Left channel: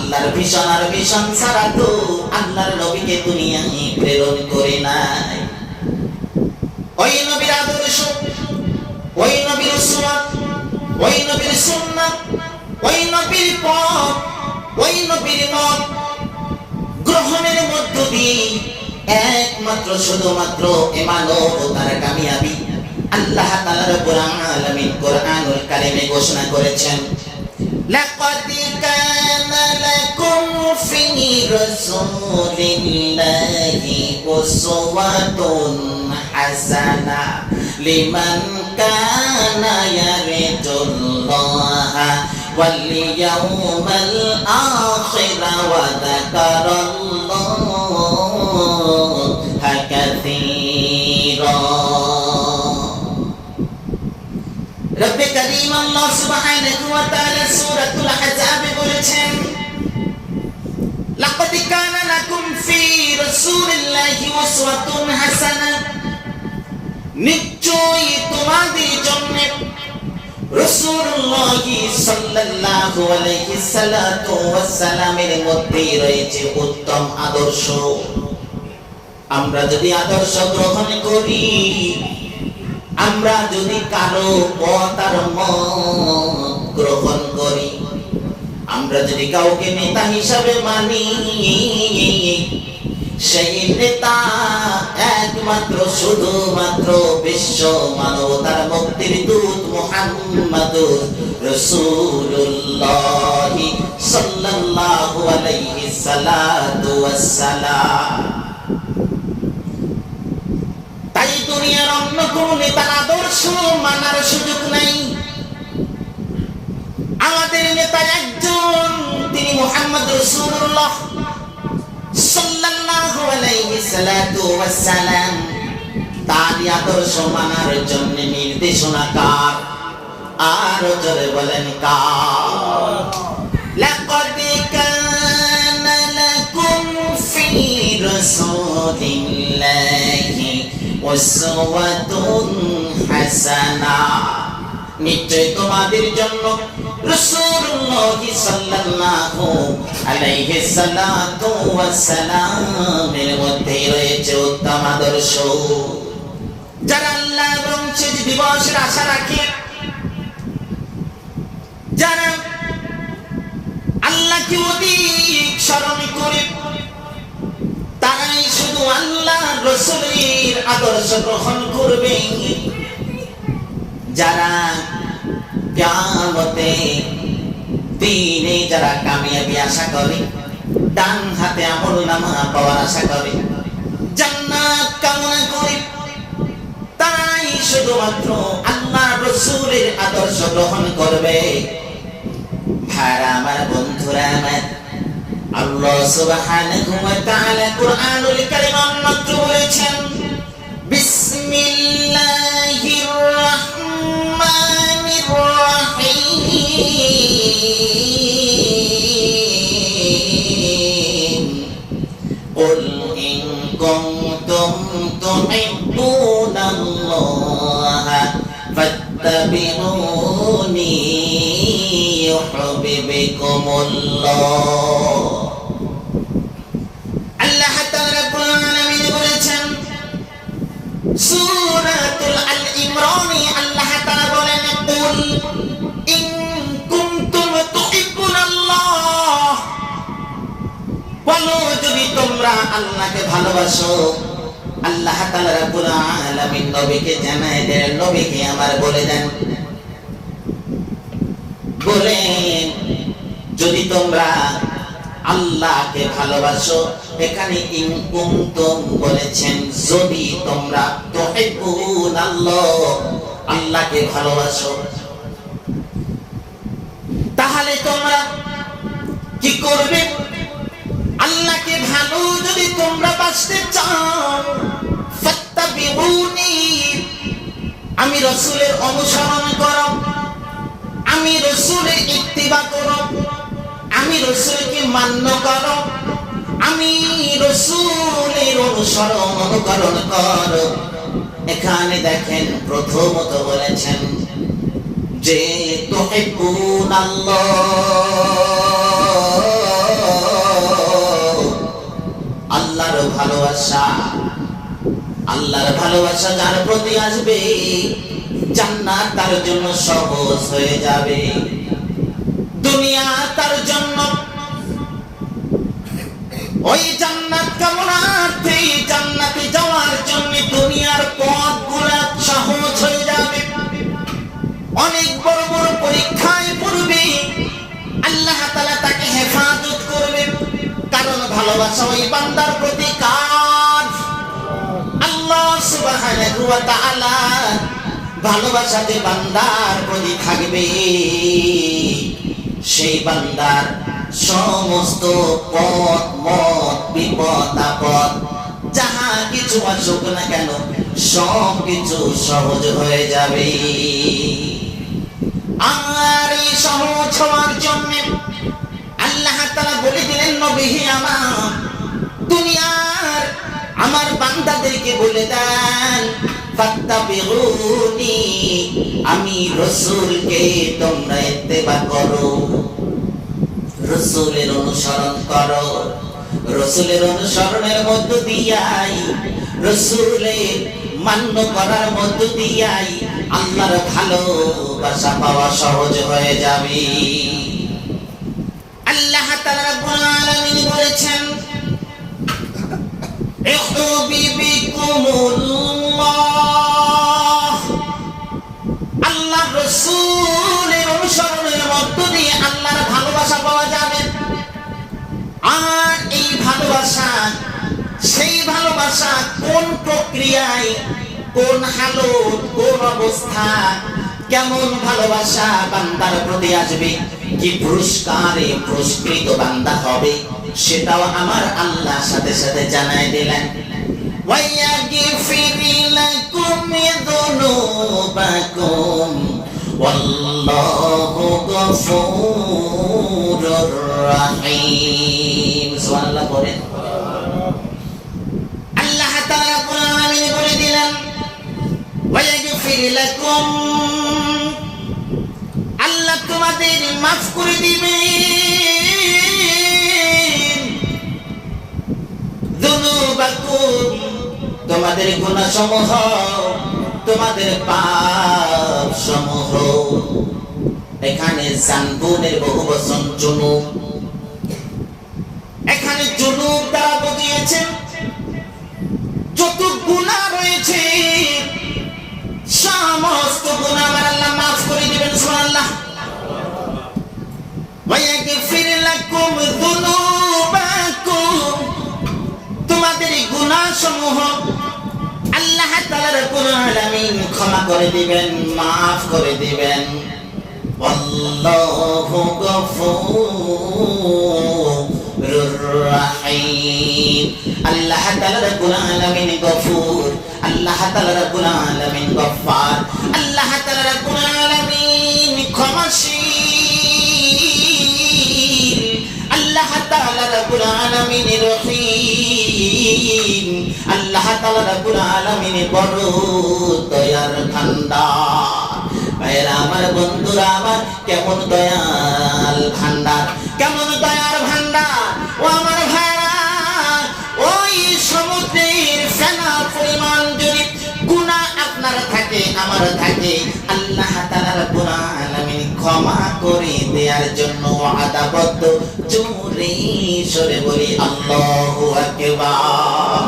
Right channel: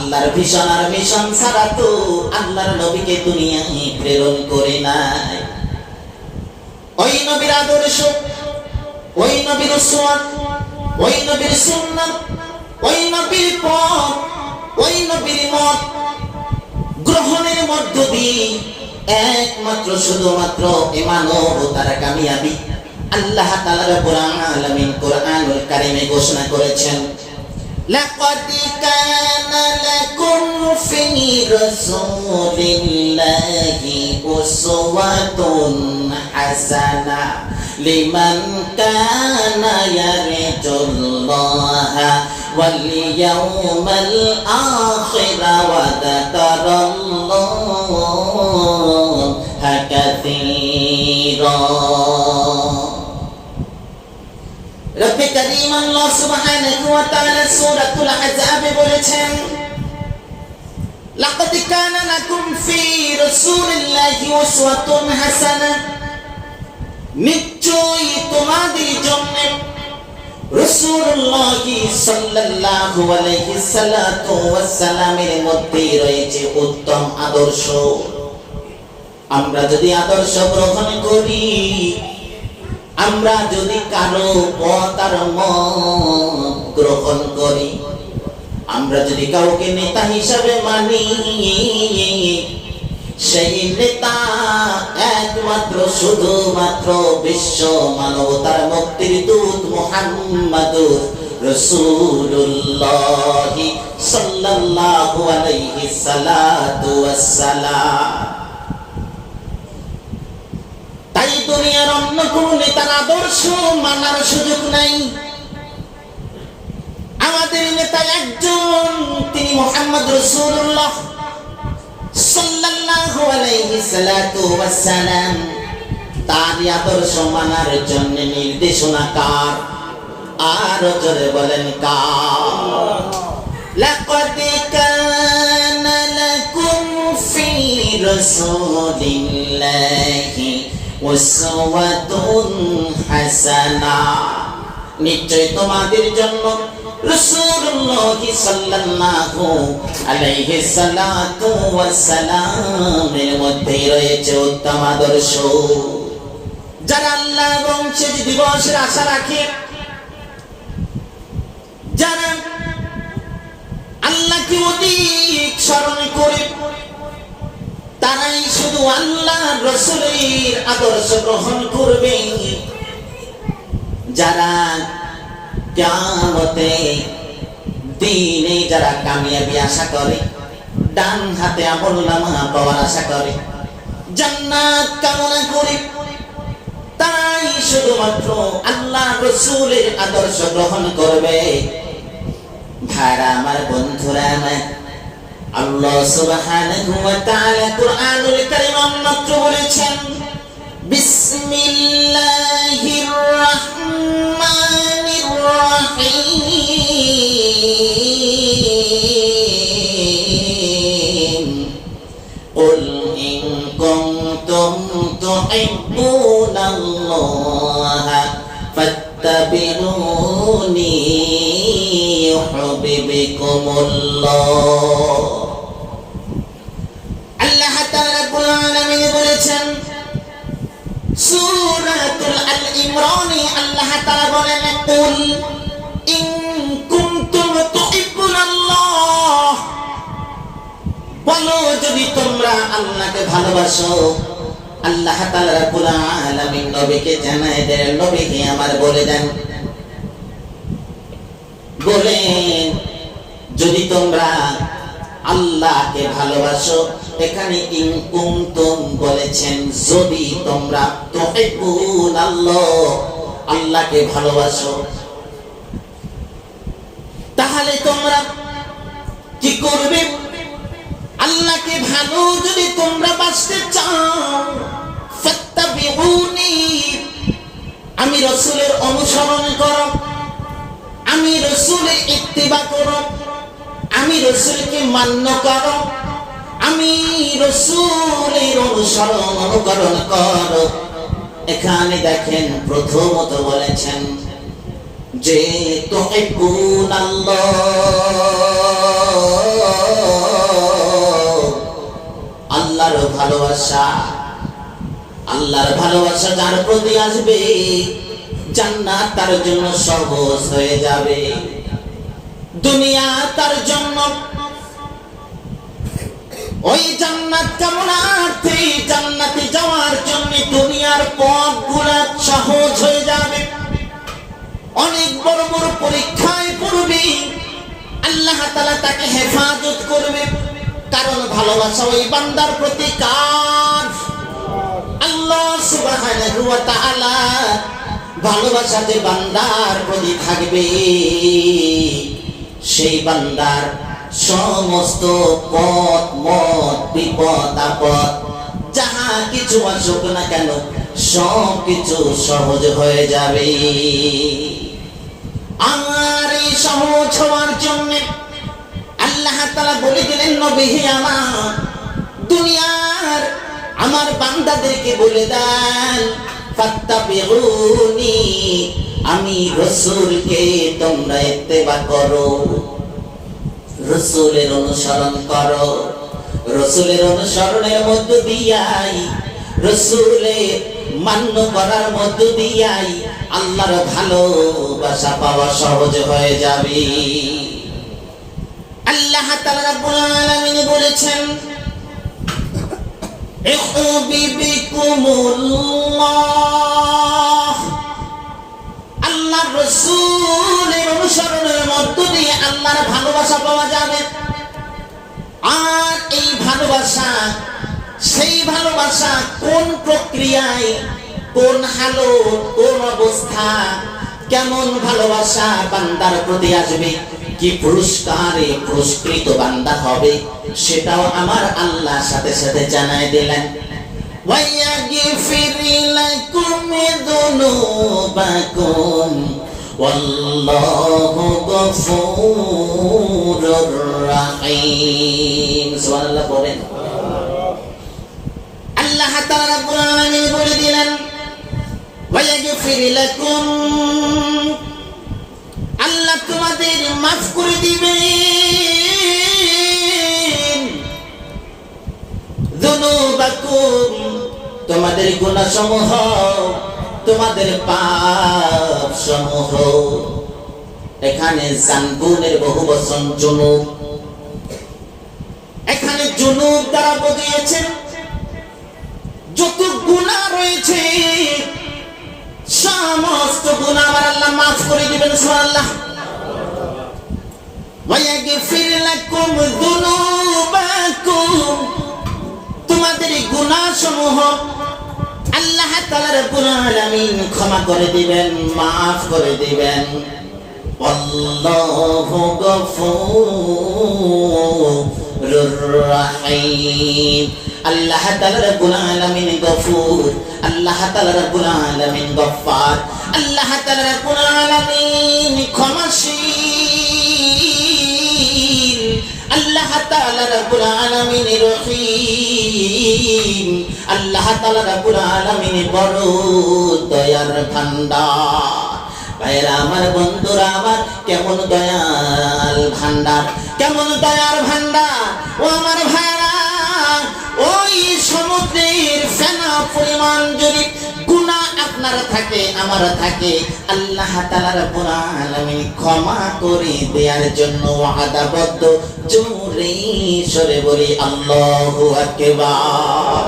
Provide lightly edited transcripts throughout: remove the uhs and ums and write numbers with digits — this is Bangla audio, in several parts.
আল্লাহর ভীষণ আর মিশন ছাড়া তো আল্লাহর নবীকে দুনিয়ায় প্রেরণ করে নাই। ওই নবীর আদর্শ, ওই নবীর সুন্নাত, ওই নবীর সুন্নাত, ওই নবীর পথ, ওই নবীর মত গ্রহণের মধ্য দিয়ে একমাত্র শুধুমাত্র মানবতার কামিয়াবি আল্লাহ তাআলা রব্বুল আলামিন কোরআনুল কারীমে ঘোষণা করেছেন, লাকাদ কানা লাকুম ফি রাসূলিল্লাহি উসওয়াতুন হাসানাহ লিমান কানা ইয়ারজুল্লাহা ওয়াল ইয়াউমাল আখির ওয়া যাকারাল্লাহা কাসীরা। রব্বে কারীম আল্লাহ সুবহানাহু ওয়া তাআলা সূরাতুল আহজাব বলেছেন, লাকাদ কানা লাকুম ফি রাসূলিল্লাহি উসওয়াতুন হাসানাহ, নিশ্চয়ই তোমাদের জন্য রাসূলুল্লাহ সাল্লাল্লাহু আলাইহি সাল্লাতু ওয়াসসালামের মধ্যে রয়েছে উত্তম আদর্শ। আমরা যদি আদর্শ গ্রহণ করি, আমরা যদি কারো পথ আর মত গ্রহণ করি, আমরা যদি কাউকে নেতা হিসাবে মানি, সেই নেতা একমাত্র শুধুমাত্র বিশ্ব মানবতার মুক্তির দূত মুহাম্মাদুর রাসূলুল্লাহ সাল্লাল্লাহু আলাইহি সাল্লাতু ওয়াসসালাম। তাই দুনিয়ার অন্য কোন নেতার আদর্শ মানার সুযোগ নাই। আমাদের নেতা একজন, তিনি মুহাম্মদ রাসূলুল্লাহ সাল্লাল্লাহু আলাইহি সাল্লাতু ওয়াসসালাম। তার আদর্শ মানার জন্য নির্দেশনা কার? আর জোরে বলেন কার? লাকাদ কানা লাকুম ফি রাসূলিল্লাহি উসওয়াতুন হাসানাহ, নিশ্চয় তোমাদের জন্য রাসূলুল্লাহ সাল্লাল্লাহু আলাইহি সাল্লাতু ওয়াসসালামের মধ্যে রয়েছে উত্তম আদর্শ। যারা আল্লাহ এবং শেষ দিবসের আশা রাখে, যারা আল্লাহকে অধিক স্মরণ করে, তারাই শুধু আল্লাহ রাসূলের আদর্শ গ্রহণ করবে। যারা কিয়ামতে দিনে যারা কামিয়াবি আশা করে, ডান হাতে আমলনামা পাওয়ার আশা করে, জান্নাত কামনা করে, তারাই শুধুমাত্র আল্লাহ রাসূলের আদর্শ গ্রহণ করবে। ভাইরা আমার, বন্ধুরা আমার, আল্লাহ সুবহানাহু ওয়া তাআলা কুরআনুল কারীম মাত্র বলেছেন, বিসমিল্লাহির রাহমানির রাহিম, কুল ইন কুনতুম তুহিব্বুনাল্লাহা ফাত্তাবিউনি ইউহিব্বুকুমুল্লাহ। আল্লাহ তাআলা রাব্বুল আলামিন বলেছেন সূরাতুল আল ইমরানে, আল্লাহ তাআলা বলেন, কুল ইন কুনতুম তুহিব্বুনাল্লাহ, বলো যদি তোমরা আল্লাহকে ভালোবাসো। আল্লাহ তাআলা রাব্বুল আলামিন নবীকে জানায় দেন, নবীকে আমার বলে দেন, বলেন যদি তোমরা আল্লাহকে ভালোবাসো। এখানে ইন কুনতুম বলেছেন যদি তোমরা, তুহিব্বুনাল্লাহ আল্লাহকে ভালোবাসো, তাহলে তোমরা কি করবে? আল্লাহকে ভালো যদি তোমরা বাসতে চাও, ফাত্তাবিউনি, আমি রাসূলের অনুসরণ করো, আমি রাসূলের ইত্তিবা করো, আমি রাসূলকে মান্য করো, আমি রাসূলের অনুকরণ করো। এখানে দেখেন প্রথমত বলেছেন যে তুহিব্বুনাল্লাহ, আল্লাহর ভালোবাসা। আল্লাহর ভালোবাসা যার প্রতি আসবে, জান্নাত তার জন্য সহজ হয়ে যাবে। দুনিয়া তার জন্য ওই জান্নাত কামনার্থে জান্নাতে যাওয়ার জন্য দুনিয়ার পথগুলো সহজ হয়ে যাবে। অনেক বড় বড় পরীক্ষায় পড়বে, আল্লাহ তাআলা তাকে হেফাজত করবে, কারণ ভালোবাসা ওই বান্দার প্রতি কার? আল্লাহ সুবহানাহু ওয়া তাআলা ভালোবাসা যে বান্দার প্রতি থাকবে, সেই বান্দার সমস্ত পথ মত বিপদ আপদ যাহা কিছু আসুক না কেন সব কিছু সহজ হয়ে যাবে। আর এই সহজ হওয়ার জন্য আল্লাহ তাআলা বলে দিলেন, নবী আমার দুনিয়ার আমার বান্দাদেরকে বলে দেন, ফাত্তাবিউনি, আমি রাসূলকে তোমরা ইত্তেবা করো, রাসূলের অনুসরণ করো। রাসূলের অনুসরণের মধ্য দিয়াই, রাসূলের মান্য করার মধ্য দিয়াই আল্লাহর ভালোবাসা পাওয়া সহজ হয়ে যাবে। আল্লাহ তাআলা রাব্বুল আলামিন বলেছেন, ইহবিবিকুমুল্লাহ, আল্লাহ রাসূলের অনুসরণের মধ্য দিয়ে আল্লাহর ভালোবাসা পাওয়া যাবে। আর এই ভালোবাসা, সেই ভালোবাসা কোন প্রক্রিয়ায়, কোন হালত, কোন অবস্থা, কেমন ভালোবাসা বান্দার প্রতি আসবে, কি পুরস্কারে পুরস্কৃত বান্দা হবে, সেটাও আমার আল্লাহ সাথে সাথে জানাই দিলেন। وَيَغْفِرْ لَكُمْ ذُنُوبَكُمْ وَاللَّهُ غَفُورٌ رَحِيمٌ। সুবহানাল্লাহ বলেন। আল্লাহ তাআলা রাব্বুল আলামিন বলে দিলেন, وَيَغْفِرْ لَكُمْ, আল্লাহ তোমাদের মাফ করে দিবেন। যুনুবাকুম, তোমাদের গুনাহ সমূহ, তোমাদের পাপ সমূহ। এখানে জানবুনের বহুবচন জুনুব, এখানে জুনুব দ্বারা বুঝিয়েছেন যত গুনাহ রয়েছে সমস্ত গুনাহ আমার আল্লাহ মাফ করে দিবেন। সুবহানাল্লাহ। ওয়ায়াগফির লাকুম যুনুবাকুম, তোমাদের গুনাহ সমূহ আল্লাহ তাআলা রাব্বুল আলামিন ক্ষমা করে দিবেন, মাফ করে দিবেন। আল্লাহু গফুরুর রহিম, আল্লাহ তাআলা রাব্বুল আলামিন গফুর, আল্লাহ তাআলা রাব্বুল আলামিন গফফার, আল্লাহ তাআলা রাব্বুল আলামিন ক্ষমাশীল, আল্লাহ তাআলা রাব্বুল আলামিন রহিম, আল্লাহ তাআলা রাব্বুল আলামিন বড় দয়ার ভান্ডার। ভাইরা আমার, বন্ধুরা আমার, কেমন দয়াল ভান্ডার, কেমন দয়ার ভান্ডার। ও আমার ভাইরা, ওই সমুদ্রের ফেনা পরিমাণ যদি গুনাহ আপনার থাকে, আমার থাকে, আল্লাহ তাআলা রাব্বুল আলামিন ক্ষমা করে দেওয়ার জন্য ওয়াদাবদ্ধ। জোরে সরে বলি আল্লাহু আকবার।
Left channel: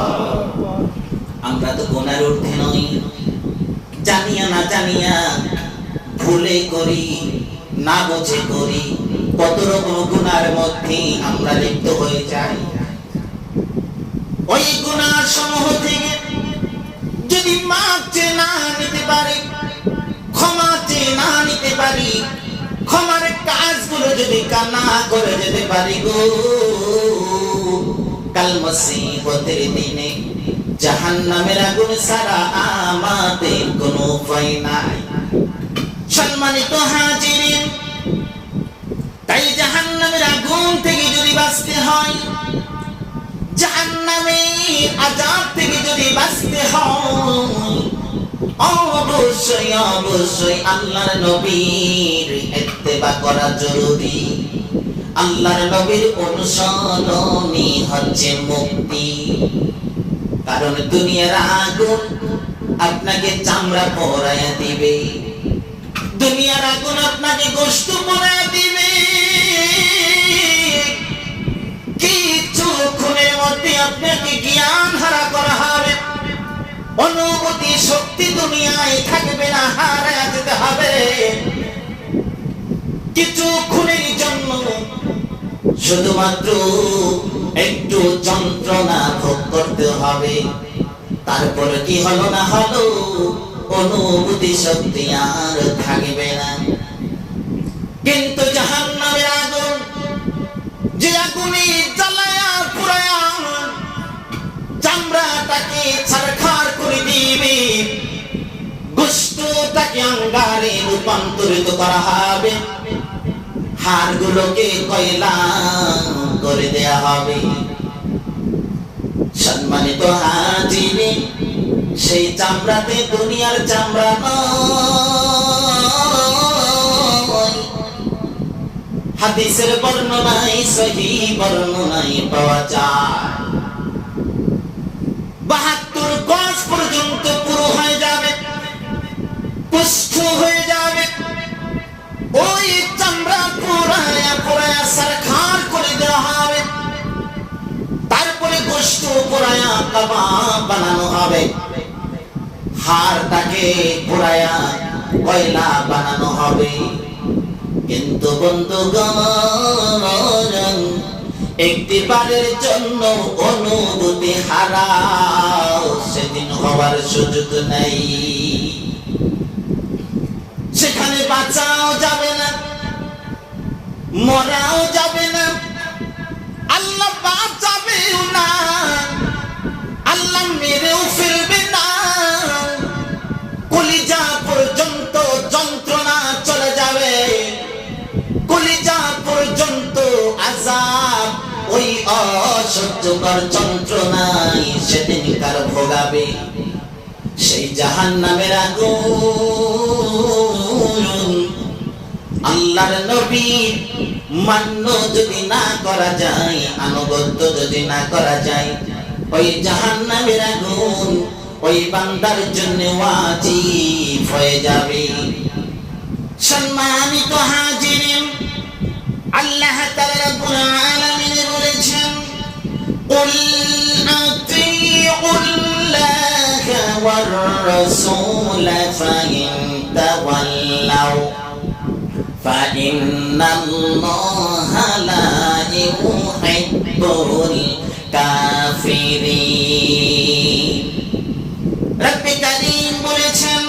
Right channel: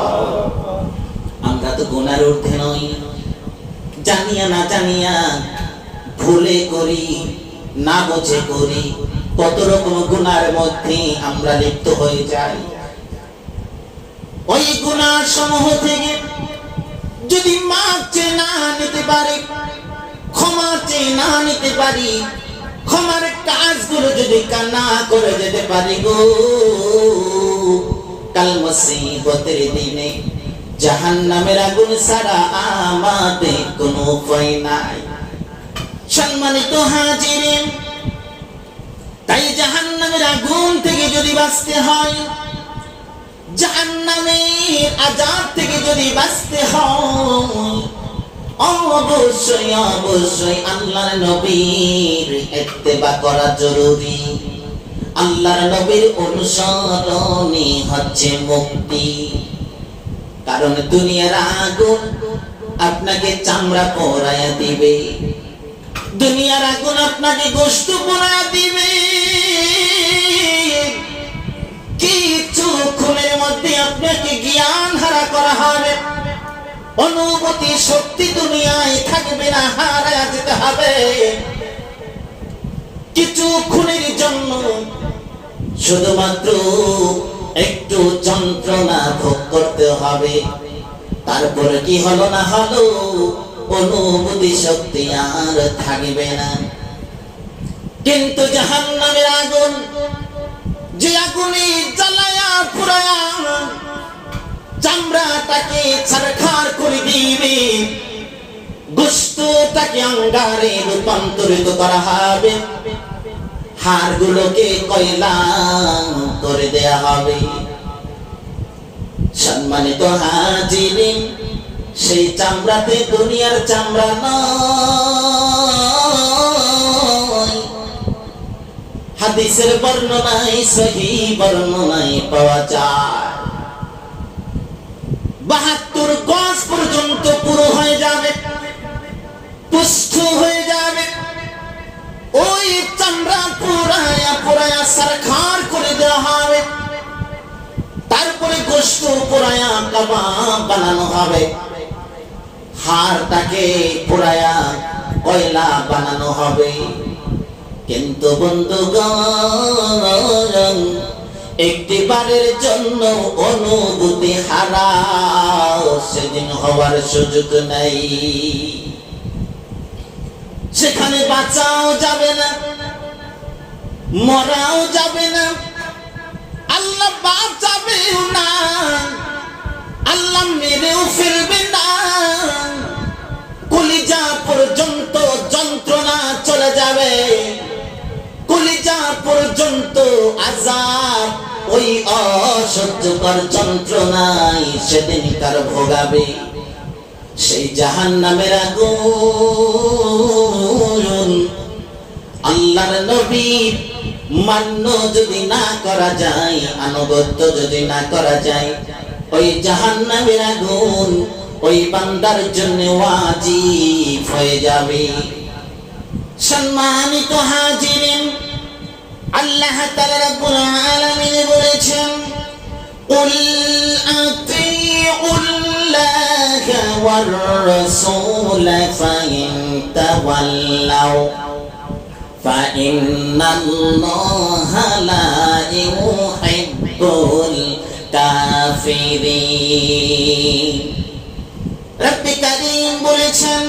আমরা তো গুনার ঊর্ধ্বে নই, জানিয়া না জানিয়া ভুলে করি, না বুঝে করি, কত রকম গুনার মধ্যে আমরা লিপ্ত হয়ে যাই। ওই গুনাহ সমূহ থেকে যদি মাফ চেয়ে না নিতে পারি, ক্ষমা চেয়ে না নিতে পারি, ক্ষমার কাজগুলো যদি কান্না করে যেতে পারি গো, কাল মুসিবতের দিনে জাহান্নামের আগুন ছাড়া আমাদের কোনো উপায় নাই। সম্মানিত হাজিরিন, তাই জাহান্নামের আগুন থেকে যদি বাঁচতে হয়, জাহান্নামের আযাব থেকে যদি বাঁচতে হয়, অবশ্যই অবশ্যই আল্লাহর নবীর ইত্তেবা করা জরুরি। আল্লাহর নবীর অনুসরণই হচ্ছে মুক্তি। কারণ দুনিয়ার আগুন আপনাকে চামড়া পরায়া দিবে, দুনিয়ার আগুন আপনাকে গোশত পরায়া দিবে। কিছু খুনের মধ্যে আপনাকে জ্ঞান হারা করা হবে, অনুভূতি শক্তি দুনিয়ায় থাকবে না, হারায়া যেতে হবে। কিছু খুনের জন্য শুধুমাত্র একটু যন্ত্রণা ভোগ করতে হবে, তারপরে কি হলো না হলো অনুভূতি শক্তি আর থাকবে না। কিন্তু জাহান্নামের আগুন, যে আগুনে জ্বালায়া পুরায়া চামড়াটাকে ছারখার করে দিবে, গোশতটাকে অঙ্গারে রূপান্তরিত করা হবে, হাড়গুলোকে কয়লা করে দেয়া হবে। সম্মানিত হাজিরিন, সেই চামড়াতে দুনিয়ার চামড়া নয়। হাদিসের বর্ণনায়, সহিহ বর্ণনায় পাওয়া যায় ৭২ গজ পর্যন্ত পুরো হয়ে যাবে, পুষ্ট হয়ে যাবে। ওই চামড়া পুরায়া পুরায়া সারখার করে দেওয়া হবে, তারপরে গোশত পুরায়া কাবাব বানানো হবে, হাড়টাকে পুরায়া কয়লা বানানো হবে। কিন্তু বন্ধুগণ, একটি বারের জন্য অনুভূতি হারাও সেদিন হওয়ার সুযোগ নাই। সেখানে বাঁচাও যাবে না, মরাও যাবে না, আল্লাহ বাঁচাবেও না, আল্লাহ মেরেও ফেলবে না। কলিজা পর্যন্ত যন্ত্রণা চলে যাবে, কলিজা পর্যন্ত আযাব, ওই অসহ্যকর যন্ত্রণায় সেদিন কার ভোগাবে। সেই জাহান্নামের আগুন আল্লাহর নবীর মান্য যদি না করা যায়, আনুগত্য যদি না করা যায়, ওই জাহান্নামের আগুন ওই বান্দার জন্য ওয়াজিব হয়ে যাবে। সম্মানিত হাজিরিন, আল্লাহ তাআলা রাব্বুল আলামিন বলেছেন, কুল আতিউল্লাহ ওয়ার রাসূল ফাইন তাওয়াল্লাউ ফাইন্নাল্লাহা লা ইউহিব্বুল কাফিরিন। রব্বে কারীম বলেছেন,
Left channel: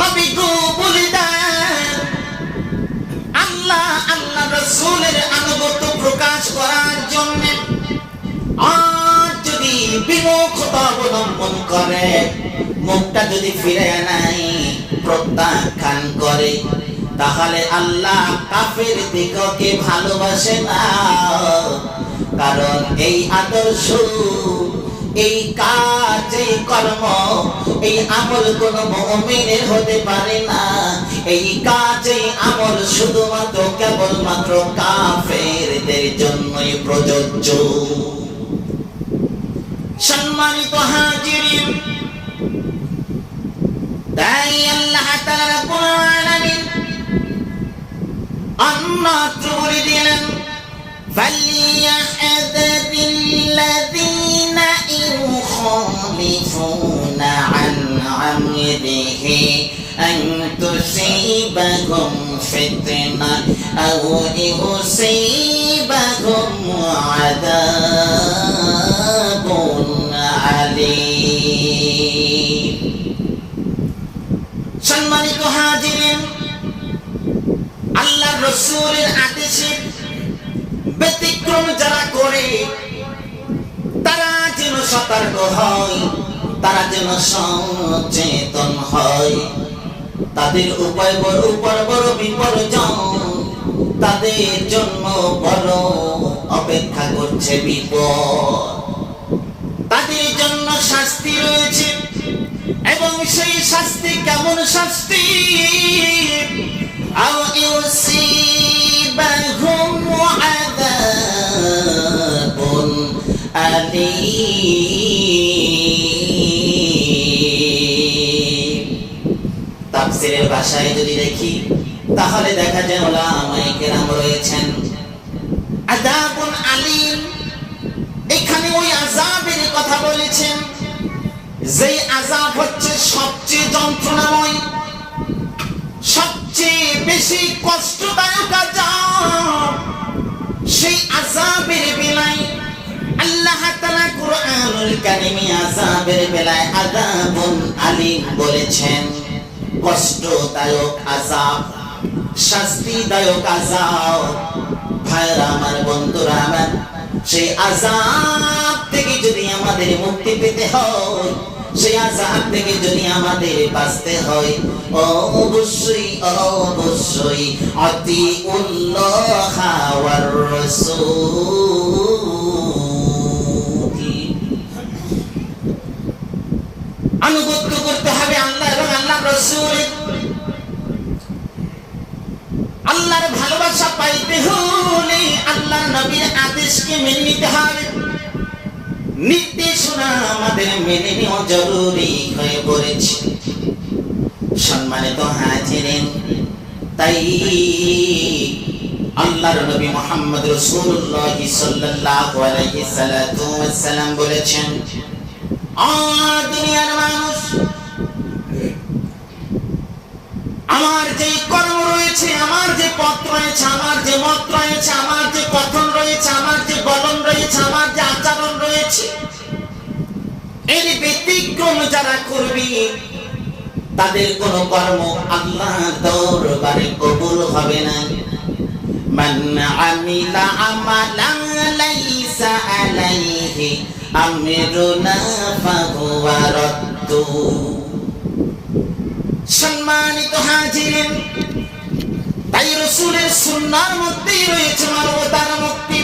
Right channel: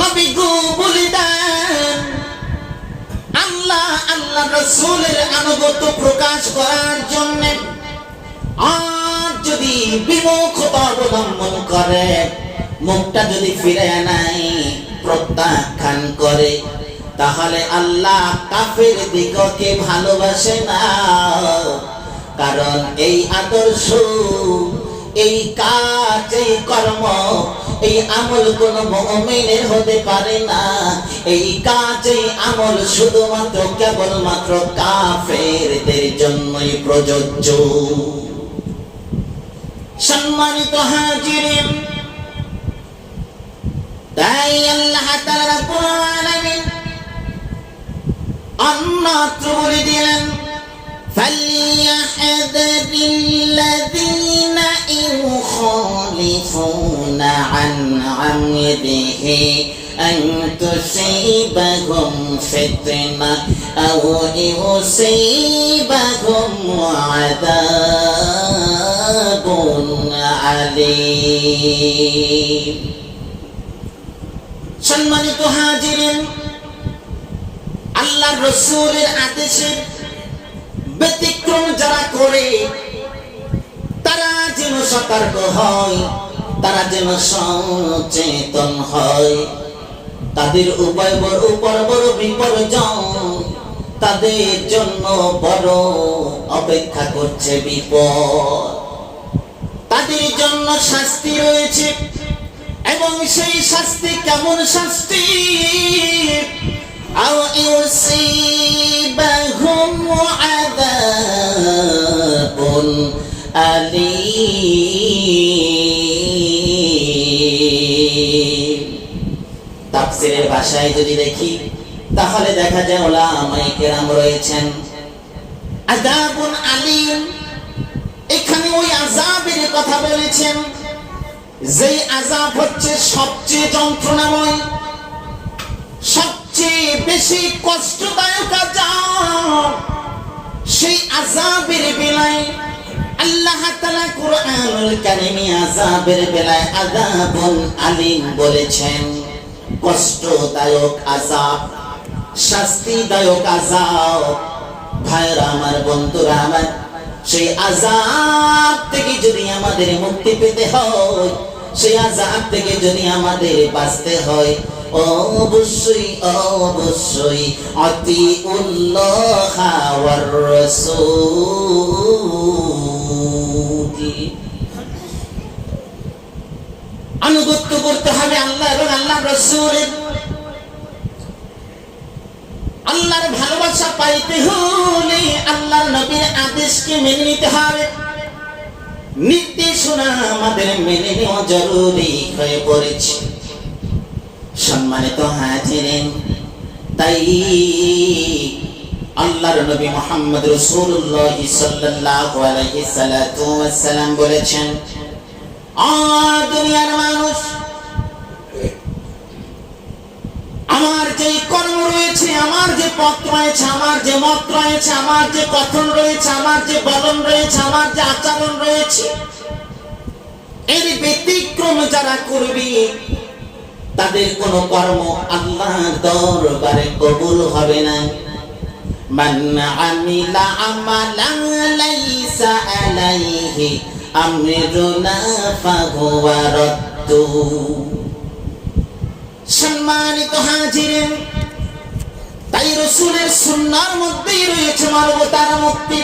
নবী গো বলে দেন, আল্লাহ আল্লাহ রাসূলের আনুগত্য প্রকাশ করার জন্য আর যদি বিমুখতা অবলম্বন করে, মুখটা যদি ফিরে নাই, প্রত্যাখ্যান করে, তাহলে আল্লাহ কাফের দিগকে ভালোবাসে না। কারণ এই আদর্শ, এই কাজ, এই কর্ম, এই আমল কোন মুমিনের হতে পারে না। এই কাজ, এই আমল শুধুমাত্র কেবলমাত্র কাফেরদের জন্যই প্রযোজ্য। সম্মানিত হাজিরিন, তাই আল্লাহ তাআলা রাব্বুল আলামিন অন্যত্র বলে দিলেন, فَلْيَحْذَرِ الَّذِينَ يُخَالِفُونَ عَنْ أَمْرِهِ أَنْ تُصِيبَهُمْ فِتْنَةٌ أَوْ يُصِيبَهُمْ عَذَابٌ أَلِيمٌ। সম্মানিত হাজিরিন, আল্লাহর রাসূলের আদেশে ব্যতিক্রম যারা করে, তারা যেন সতর্ক হয়, তারা যেন সচেতন হয়। তাদের উপায় বড় বড় বিপর্যয়, তাদের জন্য বড় অপেক্ষা করছে বিপদ, তাদের জন্য শাস্তি রয়েছে। এবং সেই শাস্তি কেমন শাস্তি? আও ইউসিবাহুম আযাবুন আলীম। তাফসীরের ভাষায় যদি দেখি তাহলে দেখা যায় উলামায়ে কেরাম রয়েছেন আযাবুন আলীম, এখানে ওই আযাবের কথা বলেছেন যেই আযাব হচ্ছে সবচেয়ে যন্ত্রণাময়, সবচেয়ে বেশি কষ্টদায়ক আযাব। সেই আযাবের বেলায় আল্লাহ তাআলা কুরআনুল কারীমে আযাবের বেলায় আযাবুন আলীম বলেছেন। কষ্টদায়ক আযাব, শাস্তিদায়ক আযাব। ভাইরা আমার, বন্ধুরা আমার, সেই আযাব থেকে যদি আমাদের মুক্তি পেতে হয়, সেই আযাব থেকে যদি আমাদের বাঁচতে হয়, অবশ্যই অবশ্যই আতিউল্লাহ ওয়ার রাসূল, আনুগত্য করতে হবে আল্লাহ এবং আল্লাহর রাসূলের। আল্লাহর ভালোবাসা পাইতে হলে আল্লাহর নবীর আদেশকে মেনে নিতে হবে, নির্দেশনা আমাদের মেনে নেওয়া জরুরি হয়ে পড়েছে। সম্মানিত হাজিরিন, তাই আল্লাহর নবী মুহাম্মদ রাসূলুল্লাহ সাল্লাল্লাহু আলাইহি সাল্লাম বলেছেন, দুনিয়ার মানুষ, আমার যে কর্ম রয়েছে, আমার যে পথ রয়েছে, আমার যে মত রয়েছে, আমার যে কথন রয়েছে, আমার যে বলন রয়েছে, আমার যে আচরণ রয়েছে, এর ব্যতিক্রম যারা করবে তাদের কোন কর্ম আল্লাহর দরবারে কবুল হবে না। মান আমিলা আমালান লাইসা আলাইহি আমরুনা ফাহুয়া রাদ্দু। সম্মানিত হাজিরিন, তাই রাসূলের সুন্নাহর মধ্যেই রয়েছে মানবতার মুক্তি,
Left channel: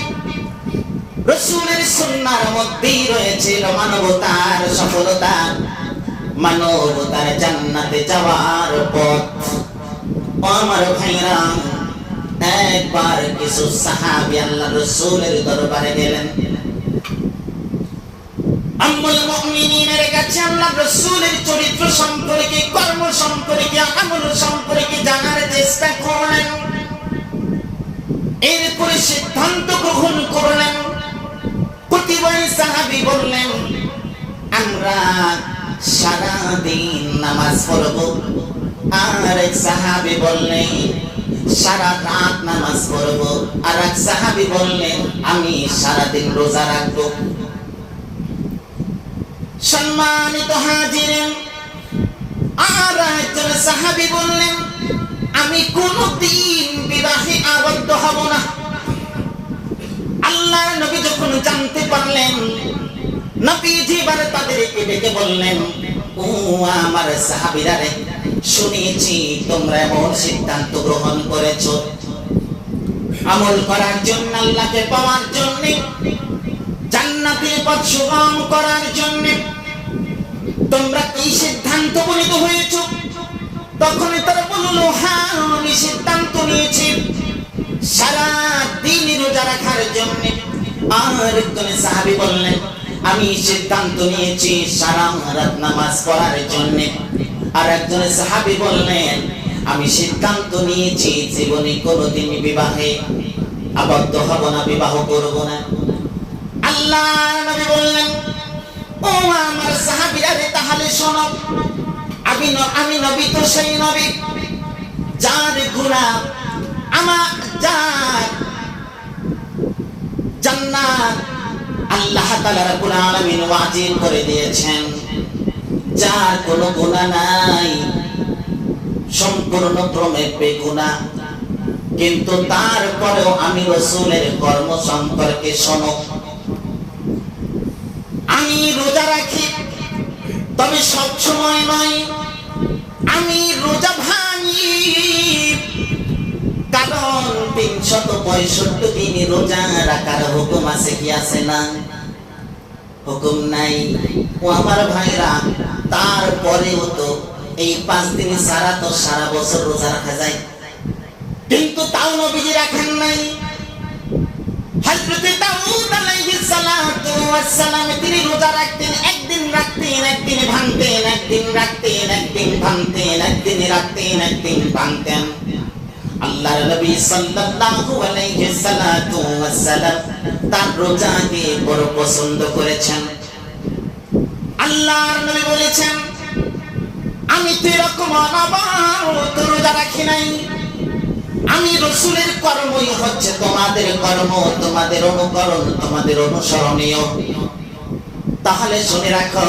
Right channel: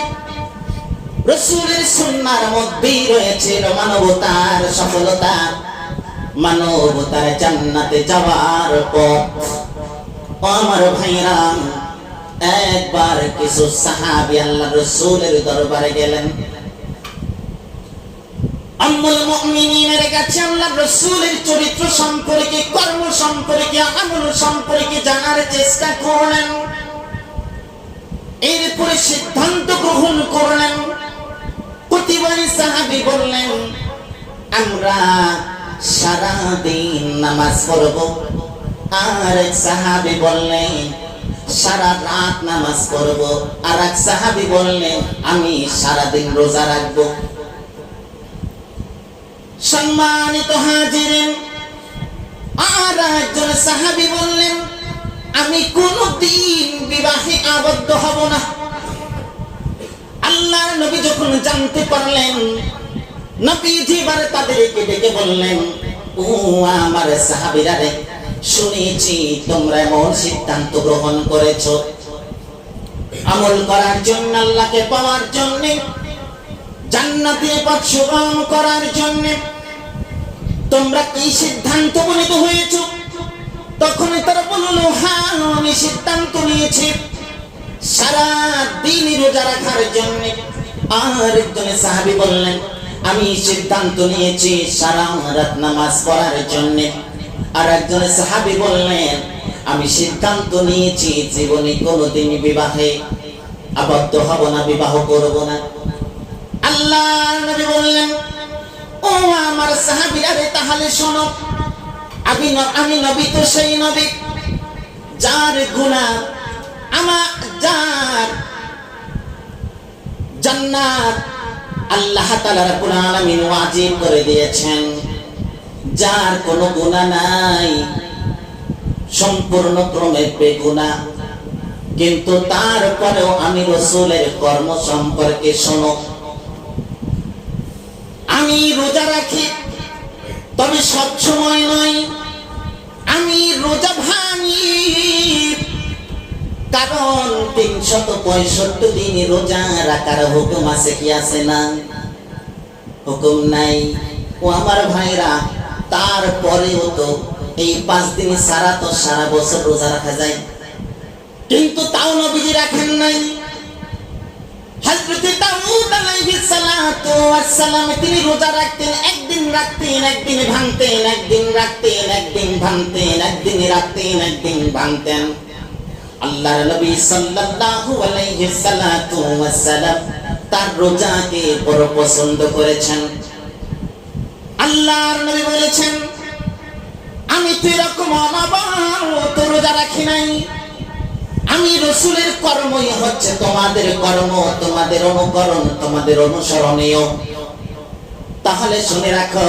রাসূলের সুন্নাহর মধ্যেই রয়েছে মানবতার সফলতা, মানবতার জান্নাতে যাওয়ার পথ। আমার ভাইরা, একবার কিছু সাহাবী আল্লাহর রাসূলের দরবারে গেলেন। আম্মুল মুমিনিনের কাছে আল্লাহর রাসূলের চরিত্র সম্পর্কে, কর্ম সম্পর্কে, আমল সম্পর্কে জানার চেষ্টা করলেন। এরপরে সিদ্ধান্ত গ্রহণ করলেন। প্রতিবারই সাহাবী বললেন, আমরা সারা দিন নামাজ পড়ব। আর এক সাহাবী বললেন, সারা রাত নামাজ পড়ব। আর এক সাহাবী বললেন, আমি সারা দিন রোজা রাখবো। সম্মানিত হাজিরিন, আর একজন সাহাবী বললেন, আমি কোনদিন বিবাহে আবদ্ধ হব না। আল্লাহর নবী যখন জানতে পারলেন, নবীজি এবারে তাদেরকে ডেকে বললেন, ও আমার সাহাবীরা রে, শুনেছি তোমরা এমন সিদ্ধান্ত গ্রহণ করেছো আমল করার জন্য, আল্লাহকে পাওয়ার জন্য, জান্নাতের পথ সুগম করার জন্য। তোমরা কি সিদ্ধান্ত উপনীত হয়েছো? তখন তারা বলল, হ্যাঁ, আমি সিদ্ধান্ত নিয়েছি সারা দিন রোজা রাখার জন্য। আর একজন সাহাবী বললেন, আমি সিদ্ধান্ত নিয়েছি সারা রাত নামাজ পড়ার জন্য। আর একজন সাহাবী বললেন, আমি সিদ্ধান্ত নিয়েছি জীবনে কোনোদিন বিবাহে আবদ্ধ হব না, বিবাহ করব না। আল্লাহর নবী বললেন, ও আমার সাহাবীরা রে, তাহলে শোনো, আমি নবী তো সেই নবী যার গুনাহ যার জান্নাত আল্লাহ তাআলা রাব্বুল আলামিন ওয়াজিব করে দিয়েছেন, যার কোনো গুনাহ নাই, সম্পূর্ণ ক্রমে বেগুনাহ। কিন্তু তারপরেও আমি রাসূলের কর্ম সম্পর্কে শোনো, আমি রোজা রাখি, তবে সব সময় নয়। আমি রোজা ভাঙি, কারণ 365 দিন রোজা রাখার হুকুম আছে কি আছে না? হুকুম নাই। ও আমার ভাইরা, তারপরেও তো এই 5 দিন ছাড়া তো সারা বছর রোজা রাখা যায়। কিন্তু তাও নবীজি রাখেন নাই। হযরত দাউদ আলাইহিস সালাতু ওয়াস সালাম তিনি রোজা রাখতেন, একদিন রাখতেন একদিন ভাঙতেন, একদিন রাখতেন একদিন ভাঙতেন, একদিন রাখতেন একদিন ভাঙতেন। আল্লাহর নবী সাল্লাল্লাহু আলাইহি সাল্লাতু ওয়াস সালাম তার রোজাকে বড় পছন্দ করেছেন। আল্লাহর নবী বলেছেন, আমি তো এরকম অনবরত রোজা রাখি নাই। আমি রাসূলের কর্মই হচ্ছে তোমাদের কর্ম, তোমাদের অনুকরণ, তোমাদের অনুসরণীয়। তাহলে শুনে রাখো,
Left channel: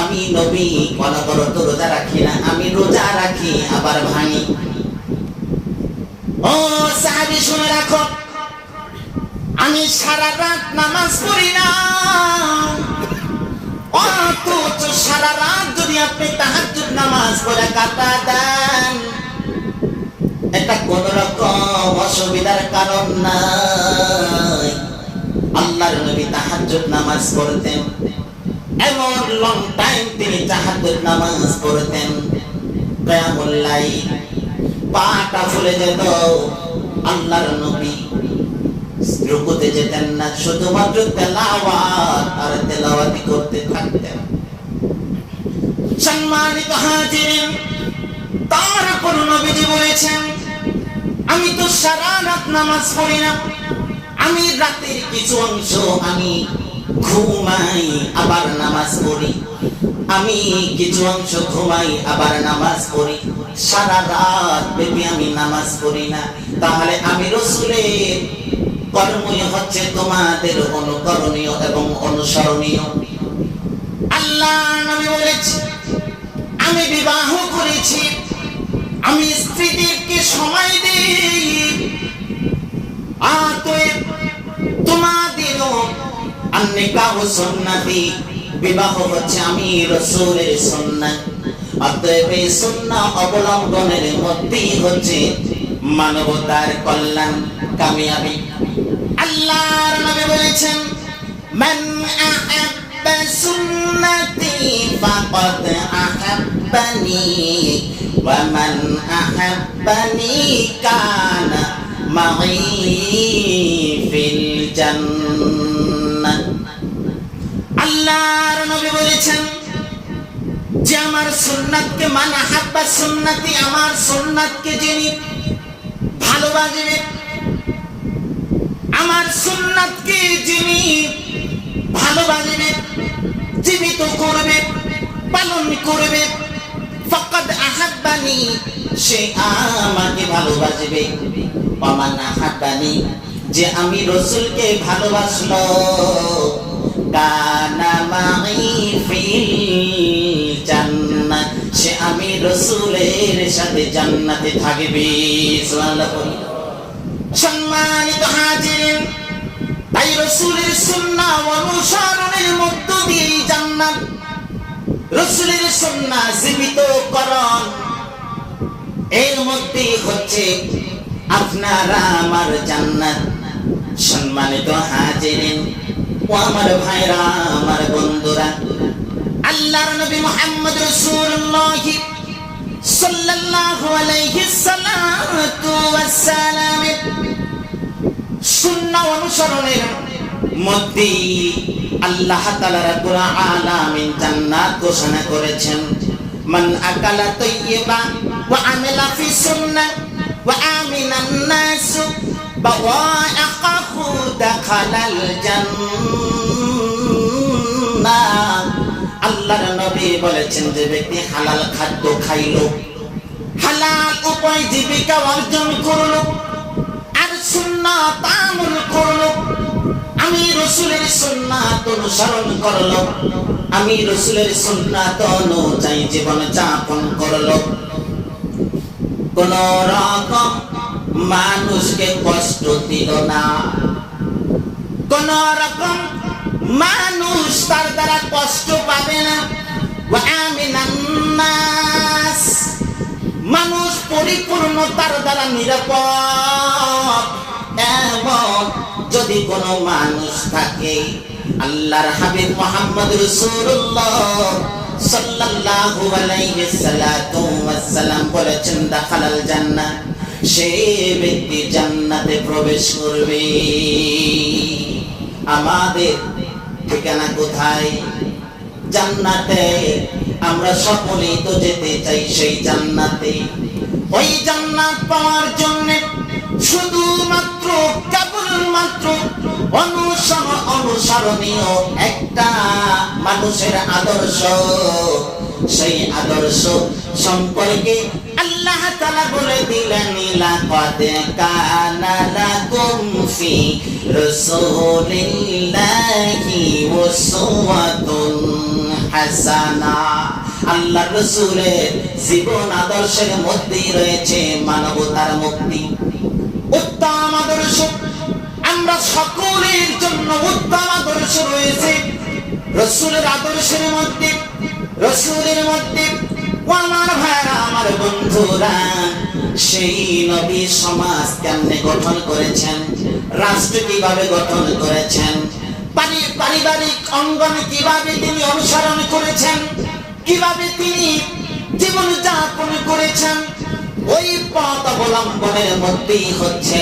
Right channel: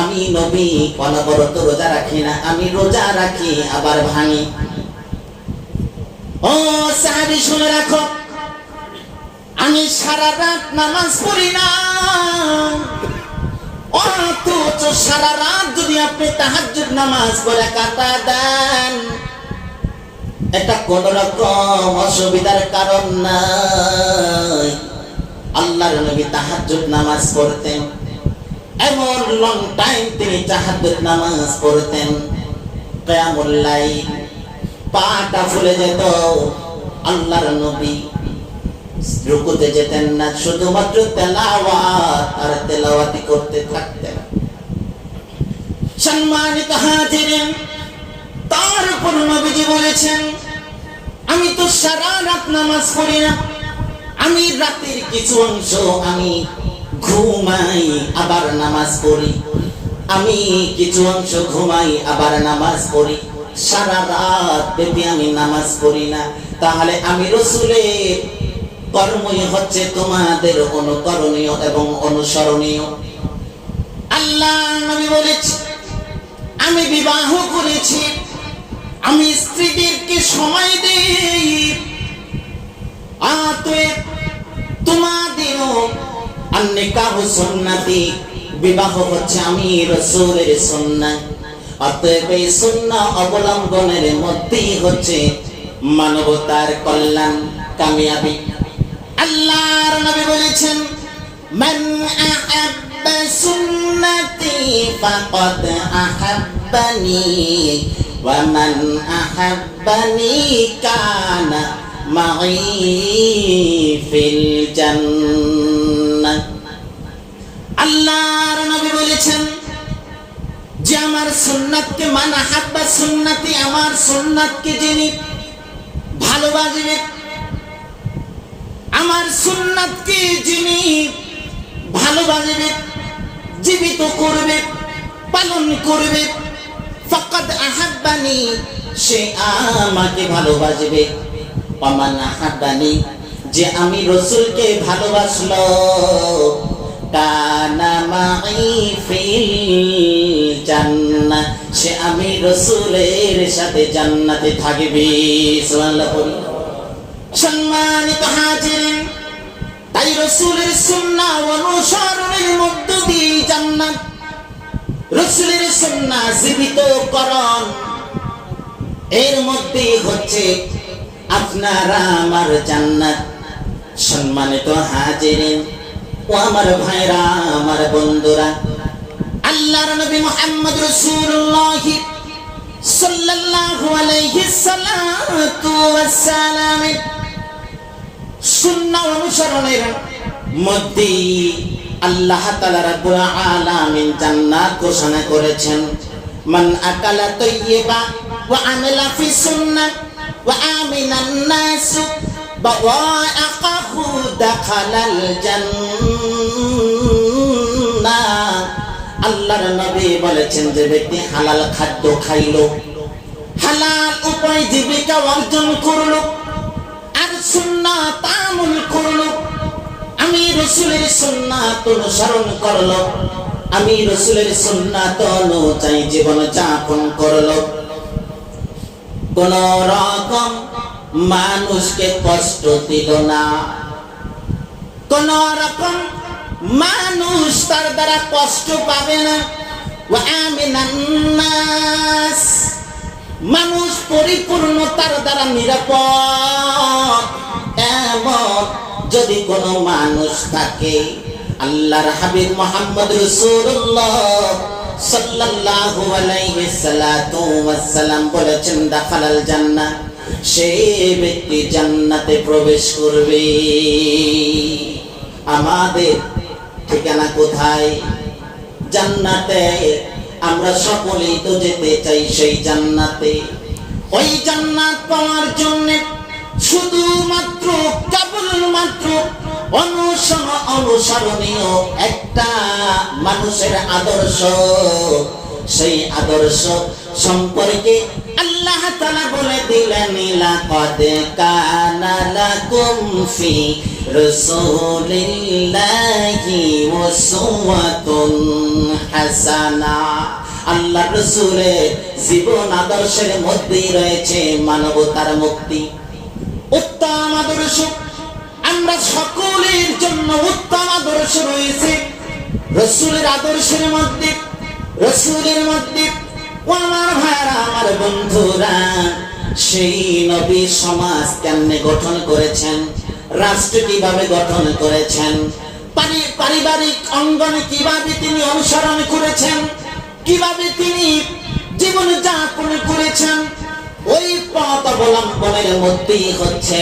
আমি নবী অনবরত রোজা রাখি না, আমি রোজা রাখি আবার ভাঙি। ও সাহাবী শুনে রাখো, আমি সারা রাত নামাজ পড়ি না, অথচ সারা রাত যদি আপনি তাহাজ্জুদ নামাজ পড়ে কাটা দেন, এটা কোন রকম অসুবিধার কারণ নাই। আল্লাহর নবী তাহাজ্জুদ নামাজ পড়তেন, এমন লং টাইম তিনি তাহাজ্জুদ নামাজ পড়তেন। কিয়ামুল লাইল, পাটা ফুলে যেত। আল্লাহর নবী রুকুতে যেতেন না, শুধুমাত্র তেলাওয়াত আর তেলাওয়াতি করতে থাকতেন। সম্মানিত হাজিরিন, তারপর নবীজি বলেছেন, আমি তো সারা রাত নামাজ পড়ি না, আমি রাতের কিছু অংশ আমি ঘুমাই আবার নামাজ পড়ি, আমি কিছু অংশ ঘুমাই আবার নামাজ পড়ি, সারা রাত ব্যাপী আমি নামাজ পড়ি না। তাহলে আমি রাসূলের কর্মই হচ্ছে তোমাদের অনুকরণীয় এবং অনুসরণীয়। আল্লাহ নবী বলেছে, আমি বিবাহ করেছি, আমি স্ত্রীদেরকে সময় দেই, অতএব তোমাদেরও আন-নিকাহু সুন্নতি, বিবাহ হচ্ছে আমি রাসূলের সুন্নাহ। অতএব এই সুন্নাহ অবলম্বনের মধ্যেই হচ্ছে মানবতার কল্যাণ, কামিয়াবি। আল্লাহর নবী বলেছেন, মান আহাব্বা সুন্নতি ফাকাদ আহাব্বানি ওয়া মান আহাব্বানি কানা মাই ফিল জান্নাহ। আল্লাহর নবী বলেছেন যে আমার সুন্নাতকে, মান আহাব্বা সুন্নতি, আমার সুন্নাতকে যিনি ভালোবাসবে, আমার সুন্নাতকে যিনি ভালোবাসবে, জীবিত করবে, পালন করবে, ফাকাদ আহাব্বানি, সে আমাকে ভালোবাসবে। ওয়ামান আহাব্বানি, যে আমি রাসূলকে ভালোবাসলো, কানা মাই ফিল জান্নাহ, সে আমি রাসূলের সাথে জান্নাতে থাকবে। সুবহানাল্লাহ। সম্মানিত হাজিরিন, তাই রাসূলের সুন্নাহ অনুসরণের মধ্য দিয়ে জান্নাত, রাসূলের সুন্নাহ জীবিতকরণ, এর মধ্যে হচ্ছে আপনারা আমার জান্নাত। সম্মানিত হাজিরিন ও আমার ভাইরা, আমার বন্ধুরা, আল্লাহর নবী মুহাম্মদ রাসূলুল্লাহ সাল্লাল্লাহু আলাইহি সাল্লাতু ওয়াস সালাম সুন্নাহ অনুসরণের মধ্যে আল্লাহ তাআলা রাব্বুল আলামিন জান্নাত ঘোষণা করেছেন। মান আকালা তাইয়্যিবা ওয়া আমিলা ফি সুন্নাহ ওয়া আমিনান নাস বাওয়াআকাহু দাখালাল জান্নাহ। আল্লাহর নবী বলেছেন, যে ব্যক্তি হালাল খাদ্য খাইলো, হালাল উপায় জীবিকা অর্জন করলো, আর সুন্নাত আমল করলো, আমি রাসূলের সুন্নাত অনুসরণ করলো, আমি রাসূলের সুন্নাত অনুযায়ী জীবন যাপন করলো, কোন রকম মানুষকে কষ্ট দিল না, কোন রকম মানুষ তার দ্বারা কষ্ট পাবে না। ওয়া আমিনান নাস, মানুষ পরিপূর্ণতার দ্বারা নিরাপদ, এমন যদি কোন মানুষ থাকে। আল্লাহর হাবিব মুহাম্মদ রাসূলুল্লাহ সাল্লাল্লাহু আলাইহি সাল্লাতু ওয়াস সালাম বলেছেন, দাখালাল জান্নাহ, সেই ব্যক্তি জান্নাতে প্রবেশ করবে। আমাদের ঠিকানা কোথায়? জান্নাতে। আমরা সকলেই তো যেতে চাই সেই জান্নাতে। ওই জান্নাত পাওয়ার জন্য শুধুমাত্র কেবলমাত্র অনুসরণীয় একটা মানুষের আদর্শ, সেই আদর্শ সম্পর্কে আল্লাহ তাআলা বলে দিলেন, লাকাদ কানা লাকুম ফি রাসূলিল্লাহি উসওয়াতুন হাসানা। আল্লাহর রাসূলের জীবন আদর্শের মধ্যেই রয়েছে মানবতার মুক্তি। উত্তম আদর্শ, আমরা সকলের জন্য উত্তম আদর্শ রয়েছে রাসূলের আদর্শের মধ্যে। রাসূলের মধ্যে ও আমার ভাইরা, আমার বন্ধুরা, সেই নবী সমাজ কেমনে গঠন করেছেন, রাষ্ট্র কিভাবে গঠন করেছেন, পারিবারিক অঙ্গন কিভাবে তিনি অনুসরণ করেছেন, কিভাবে তিনি জীবন যাপন করেছেন, ওই পথ অবলম্বনের মধ্যেই হচ্ছে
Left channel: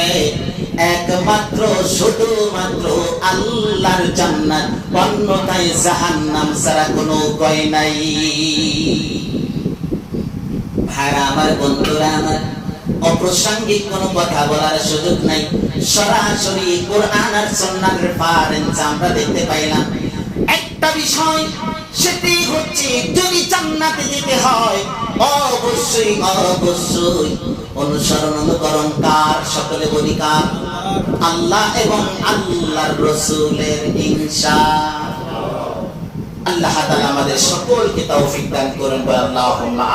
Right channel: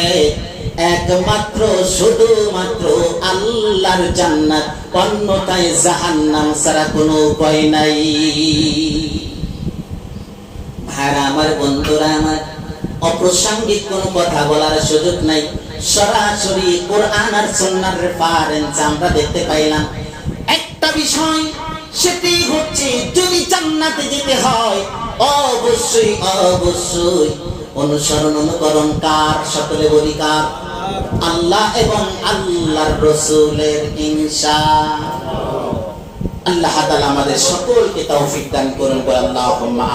একমাত্র শুধুমাত্র আল্লাহর জান্নাত, অন্যথায় জাহান্নাম ছাড়া কোনো উপায় নাই। ভাইরা আমার, বন্ধুরা আমার, অপ্রাসঙ্গিক কোনো কথা বলার সুযোগ নাই। সরাসরি কোরআন আর সুন্নাহর রেফারেন্স আমরা দেখতে পাইলাম। একটা বিষয়, সেটি হচ্ছে যদি জান্নাতে যেতে হয় অবশ্যই অবশ্যই অনুসরণ অনুকরণ কার? সকলে বলি কার? আল্লাহ এবং আল্লাহর রাসূলের। ইনশাআল্লাহ আল্লাহ তাআলা আমাদের সকলকে তৌফিক দান করুন। আল্লাহুম্মা